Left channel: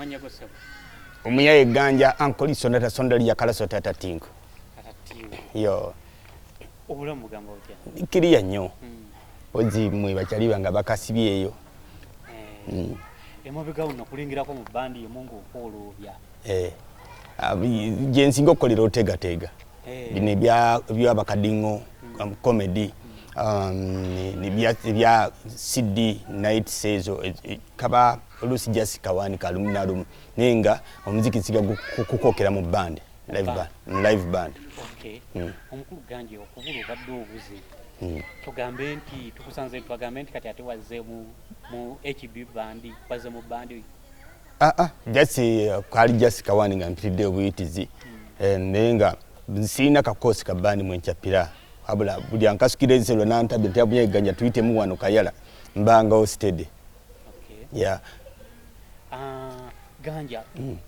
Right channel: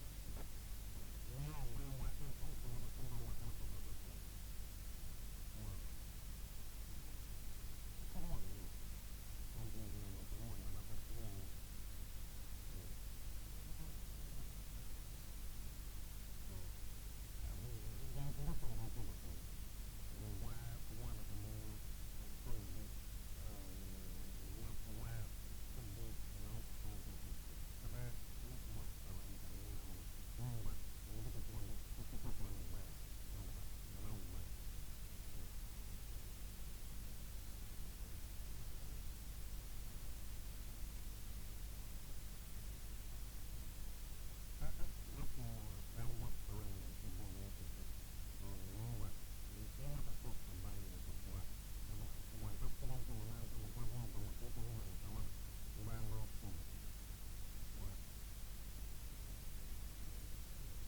amanya go sebo Omuyaaye Ganja ankoli sonata sondali ya kala sotata tinko yo obulamu gamba otya kiriya nnyo ozi mwe bachaliba nga bakasibye eyo emabega uno kulingirako mu bandi emungu okolobya jensingo kolero tega bine bya bakadingo comedy ni bya CD night sezo kaba olusi just kawani kaluminalum nenga omuziki siga kukokera mu band live band okay omukulu Ganja okubulu badde obuze tugambe nti tukusanze tugambe nti kati ate wazze mu HB band wazze mu band just kali just kawani nga mpidde obuyitizi nenga sina kakosi ka band mwenchapira abula buli ankasukireze lo nantabye Omuyaaye Ganja tuite mu wano kayala mbanga hosted yeah Ganja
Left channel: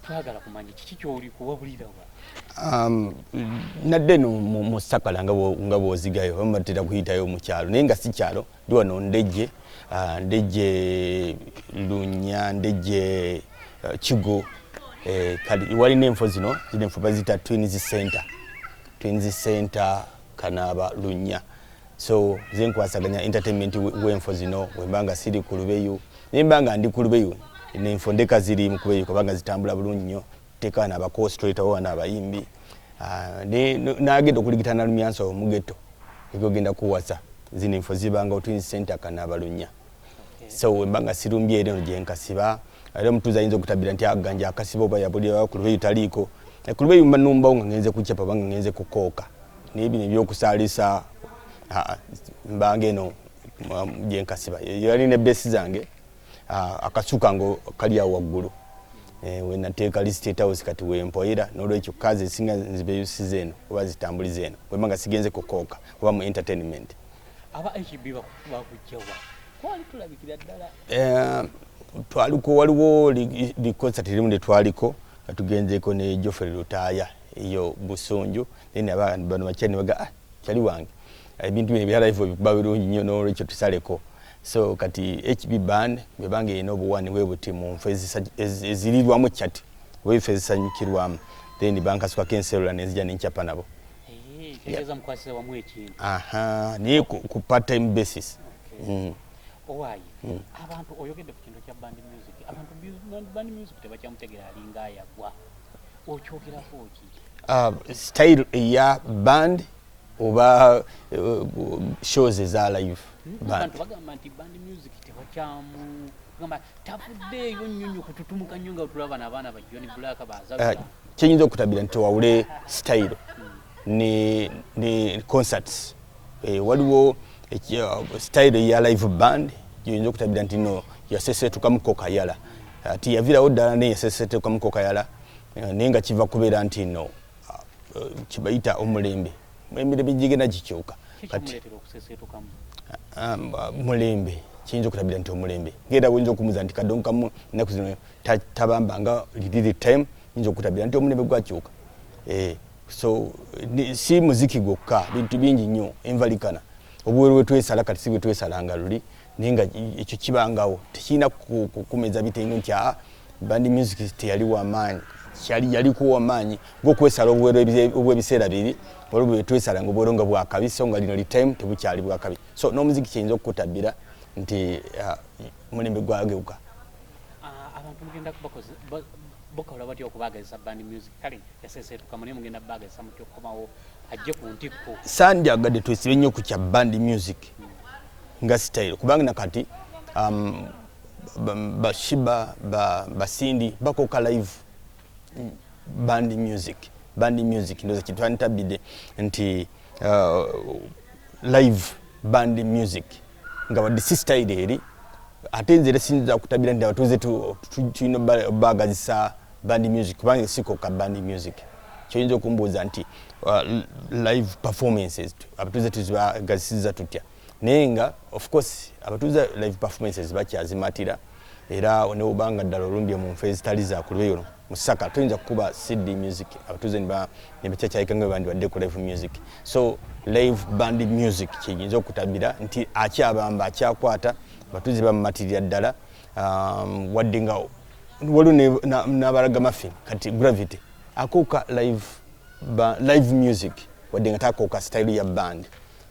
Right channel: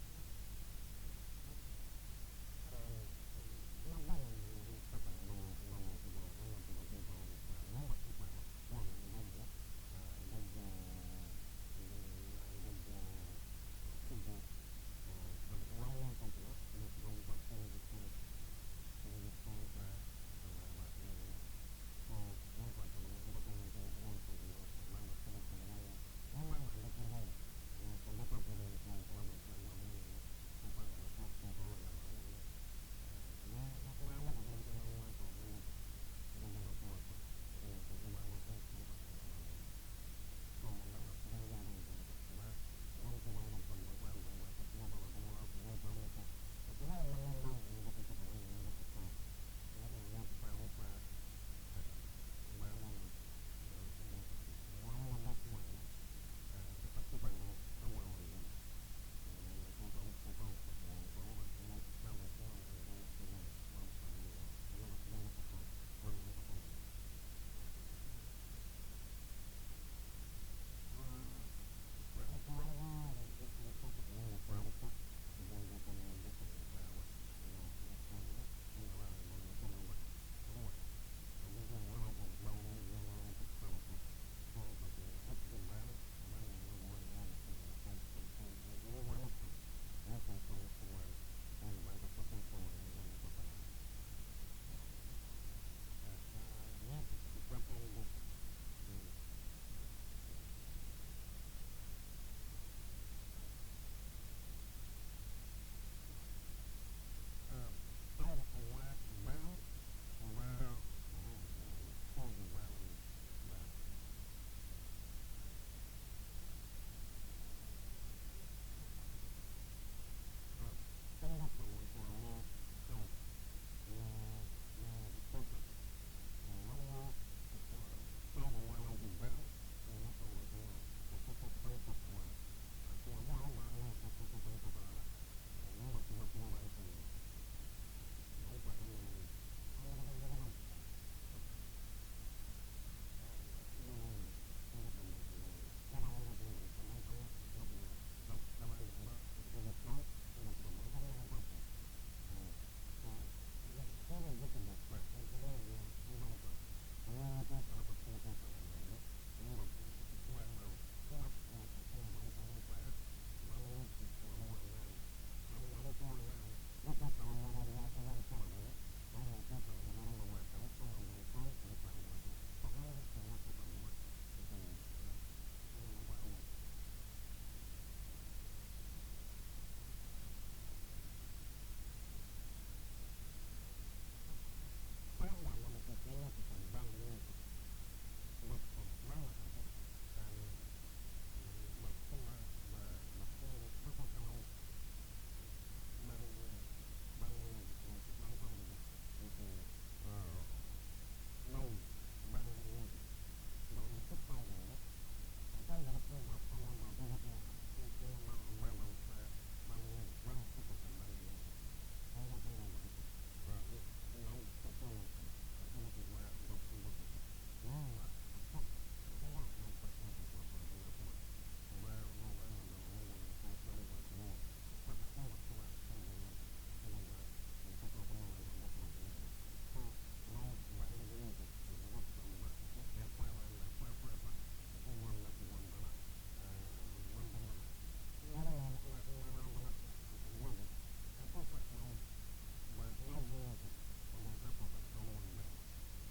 twagala kumanya kiki kyoli kuwabulira wa nadde no mu sakala nga bozigayo bamatira kuyitayo mu kyalo nenga si kyalo ndi wano ndeje lunya ndeje kigo kali wali nemfo zino nemfo bazita twins center kanaba lunya so zenkwasaganya entertainment wemfo zino wembanga siri kulubeyo nembanga ndi kulubeyo nemfo ndeka ziri mukubeyo kubanga zitambula bulungi nnyo tekana aba co-strator wana abayimbi nagenda okuligitana lumyanso omugeto egogenda kuwasa zino info zibanga twins center kanaba lunya so wembanga sirumbye ero jenkasiba era mutuza yinzo kutabira nti Ganja akasiba oba Yabulira kulubeyo taliko kulubeyo manumba ngenze kuchapa banga ngenze kukoka nibi nebyokusalisa mbange no jenkasiba yali ne besi zange akasuka ngo kali ya waggulu wena teka list state house kati wempoira nolwekyo kazi singa nzibe yusizeno oba zitambulizeno wemanga sigenze kukoka oba mu entertainment aba HB bakujjawa kwali tulabikira ddala twaliko waliwo li concert limu twaliko atugenzeko ne Joffrey Lutaya iyo Busonjo nene abantu bano bachani baga kyali wange ebintu bino byala hivyo babirungi nnyo nolwekyo tusaleko so kati HB band bebange ino buwani webuti mu mfezi ezilirwamu chat wefezi sanyikirwamu then banka swa kenselula nezija ninchapa nabo tegeza mkwasise wa mwekintu ni ku part time basis owayi abantu oyogedde ku kintu kya band music abantu band music tebakyamutegera alinga yagwa okyogerako ki style ya band oba shows za live band bagamba nti band music tebakyamu gamba tafudde yo nnyonyo kututumuka nnyo nga tulaba n'abaana ba John Black baza kyenyinza okutabira nti wawule style ni concerts waliwo style ya live band kyenyinza okutabira nti no yasesetuka mukoka yala ati yavirawo ddala ne yasesetuka mukoka yala nenga kiva kubeera nti no kibayita omulembe emirembe gigenda gikyuka kati mulembe kiyinza okutabira nti omulembe ngenda bwinza okumuza nti kadonkamu ennaku zino tabamba nga liriri time yinza okutabira nti omulembe gwakyuka so si muziki gwokka bintu bingi nnyo envalikana obuweru bwetwesala kati si bwetwesalanga luli nenga ekyo kibangawo tekirina kukumeza bitengo nti band music teyali wamaanyi yalikuwa wamaanyi ng'okwesala obuweru obw'ebiseera biri waliwo bwetwesala nga obuweru nga bwakabi so nga lino li time tebukyali bwakabi so n'omuziki kiyinza okukutabira nti omulembe gwageuka abantu mugenda bakola batya okubaagazisa band music kale yasesetuka mune mugenda baagazisa mutya okukomawo ajje ku ntikko sandyagadde twesibe nnyo ku kya band music nga style kubanga nakati bashiba basindi bakoka live band music ndoza kitwanitabide nti live band music nga wadde si style eri ate nzire sinza kutabira nti abatuuze tulina bagazisa band music kubanga sikoka band music kyoyinza okumbuuza nti live performances abatuuze tuzibagazisiza tutya naye nga of course abatuuze live performances bakyazimatira era neobanga ddala olumbye mu nfe ezitali zakulubeyo musaka tuyinza kukuba CD music abatuuze nebakyakyayika nga bandi badde ku live music so live band music kiyinza okutabira nti akyabamba akyakwata abatuuze bamumatirira ddala wadde nga waliwo n'abalaga mafin kati gravity akuuka live music wadde nga takuuka style ya band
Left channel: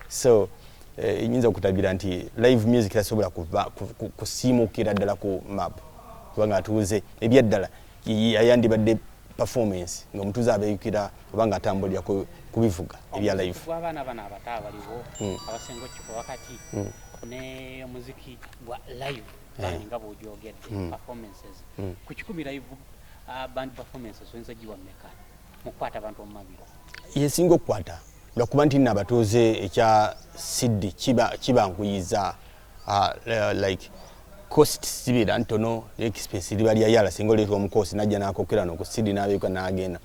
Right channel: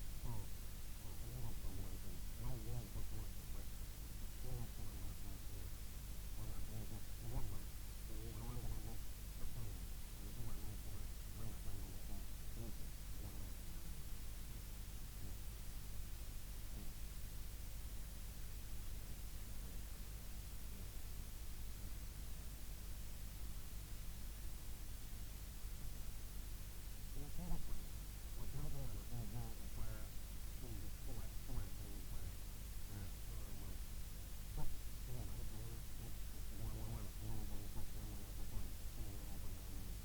so nyinza okutabira nti live music tasobola kusiimukira ddala ku map kubanga atuuze ebyaddala yayandibadde performance ng'omutuuze abeeyukira obanga atambulira kubivuga ebya live abaana bano abato abaliwo abasenga okiko wakati ne muziki gwa live nga bw'ogyogedde performances ku 10 live band performances oyinza giwa mmeka mu kukwata abantu mu mabiro yesinga okukwata lwakuba nti nno abatuuze ekya siddi kibankuyiza like cost sibeera ntono expense liba lya yala singa oleetwa omukosi najja n'akokera no ku siddi n'abeeka n'agenda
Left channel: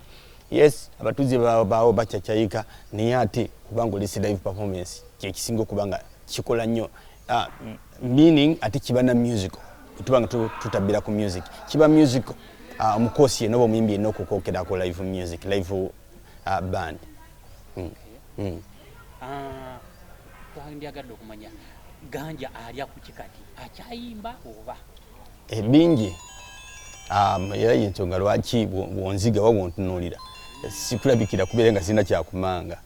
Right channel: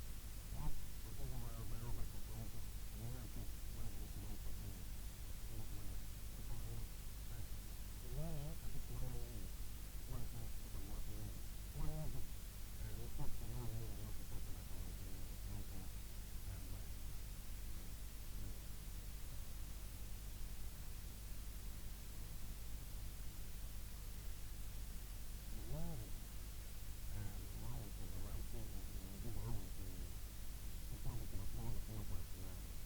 yes abatuuze baawo bacacyayika naye ate kubanga olesi live performance kyekisinga okuba nga kikola nnyo meaning ate kiba na musical tubanga tutabira ku music kiba musical omukosi yenna oba omuyimbi yenna okukokerako live music live band twandyagadde okumanya Ganja alya ku kikati akyayimba oba bingi era yensonga lwaki bwonziga oba bwontunuulira sikulabikira kubeera nga sirina kyakumanga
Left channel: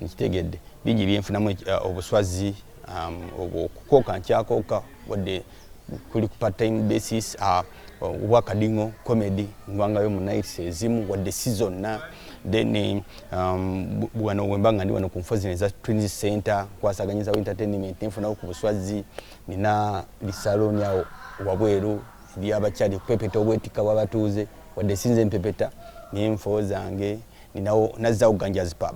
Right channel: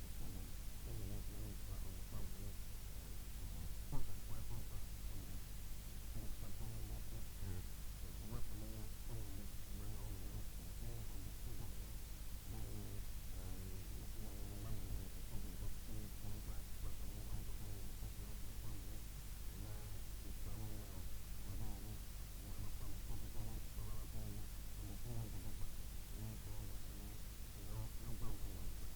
nkitegedde bingi byenfunamu obuswazi okukooka nkyakooka wadde kuli ku part time basis obwakadingo comedy ngwangayo mu nights ezimu wadde si zonna then wano wemba nga ndi wano ku nfozi neza Twins Center kwasaganyiza entertainment nfuna ku buswazi nina lisaloni awo wabweru ndi abakyali pepeta obwetika bw'abatuuze wadde sinze mpepeta n'enfo zange ninawo nazzawo Ganja's pub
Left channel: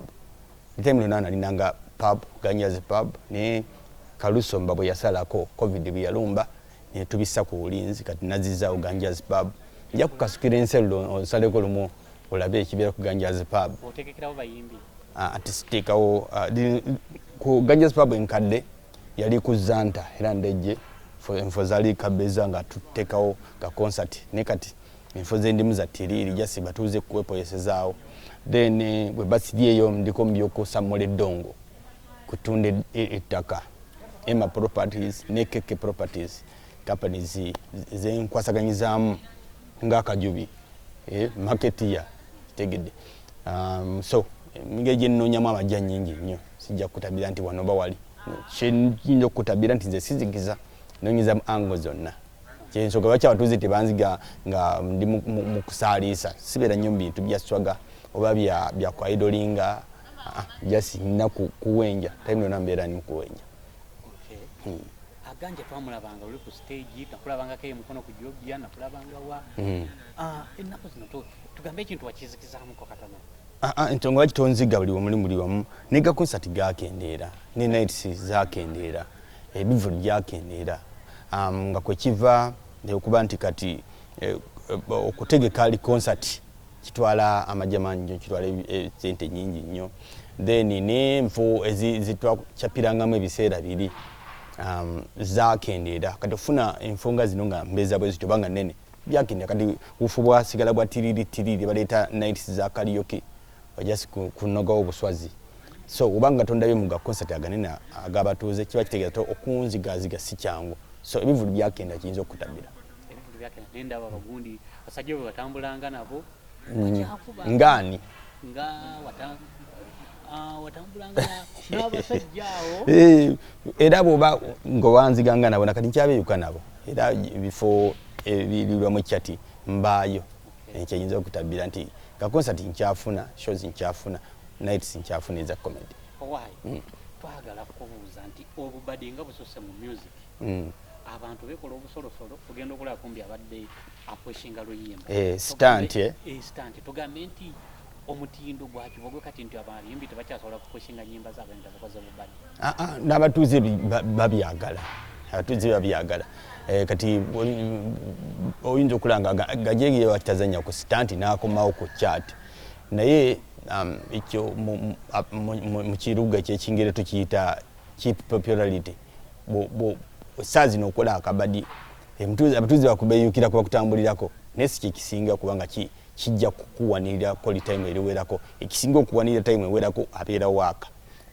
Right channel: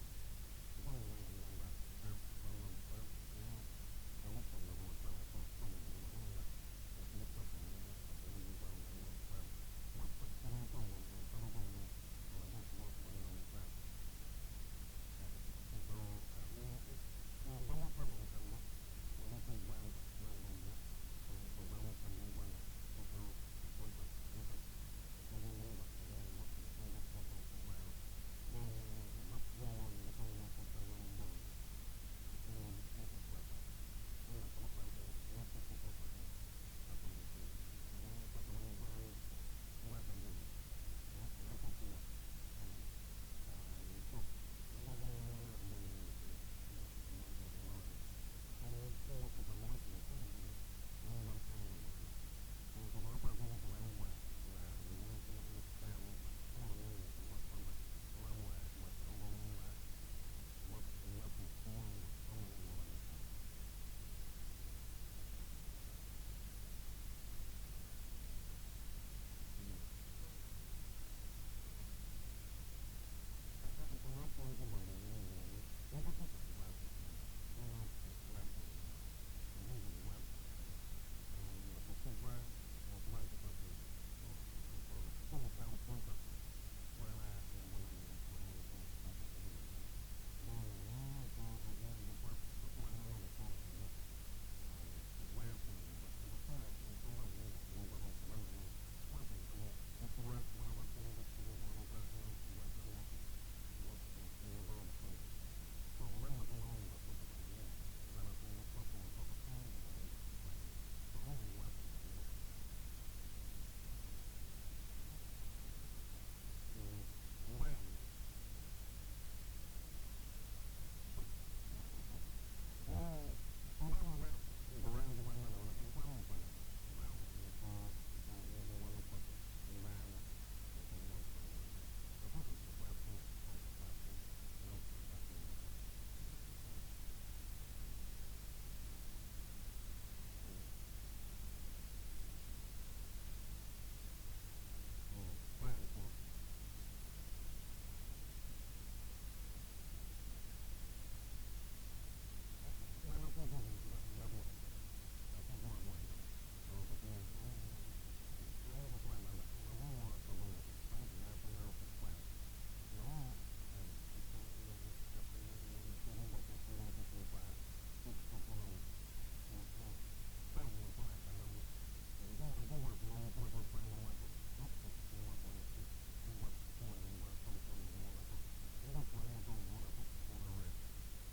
time nona nalinanga pub Ganja's pub ne Kalusomba bwe yasalako covid bwe yalumba ne tubissa ku bulinzi kati nazizzaawo Ganja's pub nja kukasukira enselo osaleko lumu olabe ekibeera ku Ganja's pub otekekerawo bayimbi ati siteekawo ku Ganja's pub enkadde yali ku Zanta era ndejje enfo zaali kabeza nga tuteekawo ka concert ne kati enfo z'endimu za tiriri jasi batuuze kwepoyesezaawo then bwe basiri eyo ndiko mbyoko Samuel Dongo kutunda ettaka Emma Properties ne Keke Properties companies zenkwasaganyizaamu ng'akajubi market ya tegedde so ngeje nnonyamu amajja nnyingi nnyo sijja kutabira nti wano bawali kyeyinza okutabira nti nze sizigiza nonyiza mu ango zonna kyensonga lwaki abatuuze tebanziga nga ndi mu kusaaliisa sibeera nnyo mu bintu bya swaga oba bya kwaidolinga jasi nina kuwenja time yonna mbeera ni mukuwenja Ganja twamulabanga oli ku stage nakulabangako emukono ku jobya nakulabanga wa ennaku zino tugambe ekintu wakizikizaamuko katono ensonga lwaki tonziga buli wamu ne gakonsati gakendeera ne nights zakendeera ebivu byakendeera nga kwekiva okuba nti kati okutegeka ali concert kitwala amajja mangi nnyo kitwala sente nyingi nnyo then n'enfo zitwakyapirangamu ebiseera biri zakendeera kati ofuna enfo zino nga mbeeza bwe zityo banga nnene byakendeera kati bufu bwasigala bwa tiriri baleeta nights za karaoke bajasi kunogawo obuswazi so obanga tondabye mu gakonsert aganene agabatuuze kiba kitegeeza okunzigaziga si kyangu so ebivulu byakenda kiyinza okutabira nendaba abagundi basajja bwe batambulanga nabo ngaani nga watambulanga n'abasajja awo era bw'oba ng'owanziganga nabo nakati nkyabeeyuka nabo era bifo ebirirwamu ekyati mbaayo ekyeyinza okutabira nti gakonsati nkyafuna shows nkyafuna nights nkyafuna eza comedy owaayi twagala kubuuza nti obubadde nga busose mu music abantu bekola obusolosolo tugenda okulaba kumbi abadde apweshinga luyimba stunt tugambe nti omutindo gwakibogwe kati nti abayimbi tebakyasobola kupweshinga nyimba zaabwe ntabakoze obubadde n'abatuuze babyagala kati oyinza okulanga gajegeye bakitazanya ku stunt n'akomawo ku chat naye ekyo mu kiruga ekyekingere tukiyita cheap popularity saa zino okola akabadi abatuuze bakubeeyukira kuba kutambulirako naye si kyekisinga kubanga kijja kukuwanirira koli time eriwerako ekisinga okuwanirira time ewerako abeera waaka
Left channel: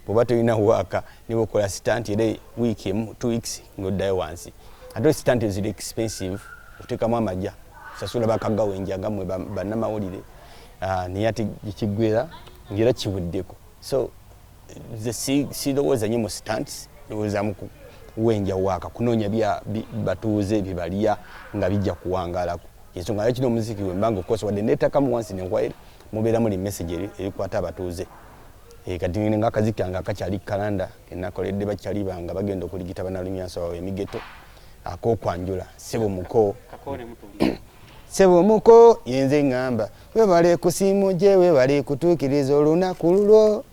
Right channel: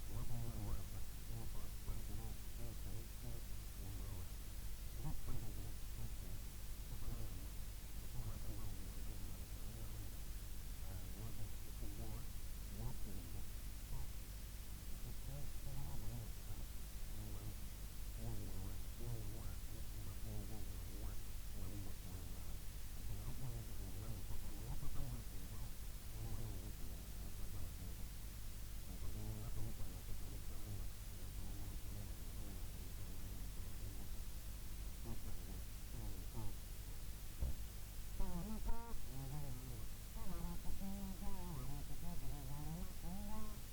bw'oba tolina waaka niba okola stunt era wiiki emu 2 weeks ng'oddayo wansi ate stunt ziri expensive oteekamu amajja sasula bakagawenja ngamwe bannamawulire naye ate ekigwera ngera kibuddeko so sirowooza nnyo mu stunts ndowooza mu kuwenja waaka kunoonya batuuze byebalya nga bijja kuwangaalako ensonga lwaki omuziki wembanga okosa wadde neetakamu wansi nenkwaire mubeera muli message erikwata abatuuze kati nga akaziki kange akakyali kalanda kenakoledde bakyali banga bagenda okuligita banalumyanso wawe emigeto akokwanjula sebo muko sebo muko yenze ngamba webale kusimu gye webale kutuukiriza olunaku lulwo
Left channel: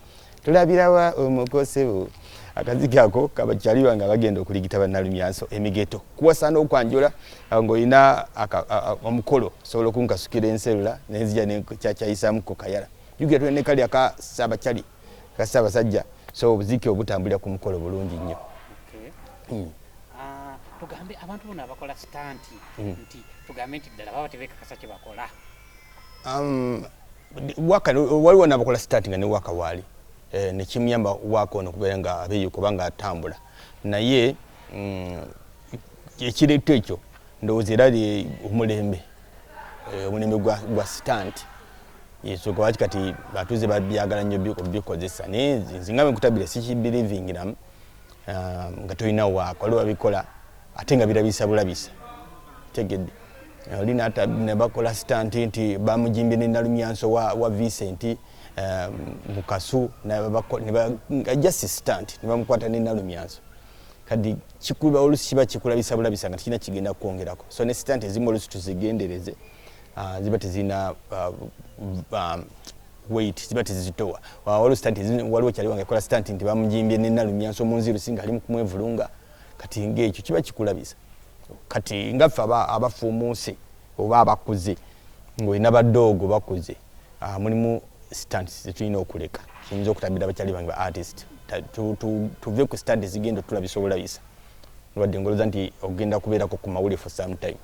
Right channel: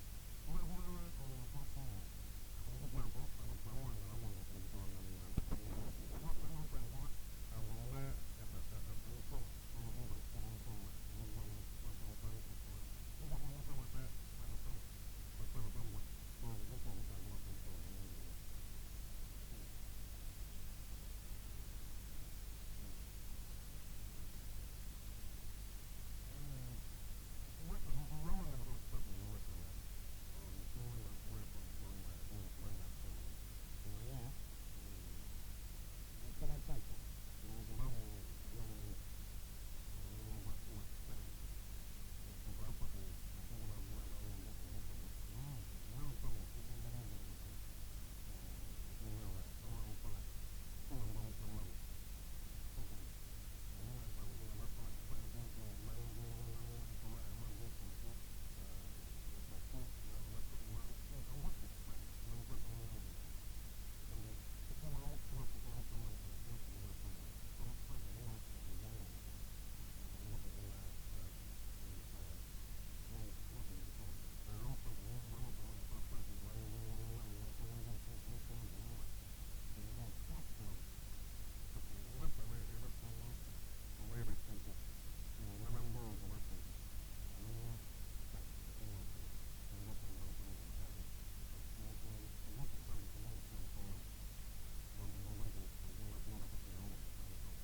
tulabirawa omuko sebo akaziki ako kabakyali banga bagenda okuligita banalumyanso emigeto kuwasaana okwanjula ng'olina omukolo sobola okunkasukira enselula nenzija nekyakyayisaamu ku kayala jugira tulene kali akasabakyali kasabasajja so obuziki obutambulira ku mukolo bulungi nnyo tugambe abantu bonna abakola stanti nti tugambe nti ddala baba tebekakasa kye bakola waliwo n'abakola stanti nga ne waka waali nekimuyamba waka ono okubeera nga abeeyo kubanga atambula naye ekireeto ekyo ndowooza era omulembe gwa stanti yesoka waki kati batuuze babyagala nnyo okubikozesa naye nzingambe nkutabire sikibirivingiramu nga tolina waaka waliwo babikola ate nga birabisa bulabisa tegedde oli ne bakola stanti nti bamujimbye nenalumyanso wa Vincent mukasu just stanti ne bamukwata nenalumyanso kadi kikuba olusi kiba kikulabisa bulabisa nga tikina kigenda kwongerako so ne stanti ezimu olusi tuzigendereze ziba tezina weight ziba tezitowa waliwo stanti waliwo kyali wange kola stanti nti bamujimbye nenalumyanso munziru singa ali kumwevulunga kati ng'ekyo kiba kikulabisa kati ngaffe abafuumuuse oba abakuze ng'olina badoogo bakuze mulimu stanti zetulina okuleka kiyinza okutabira abakyali bange ba artist tuve ku stanti zigenda otulabisa obulabisa lwadde ngoloza nti ogenda kubeerako ku mawulire for some time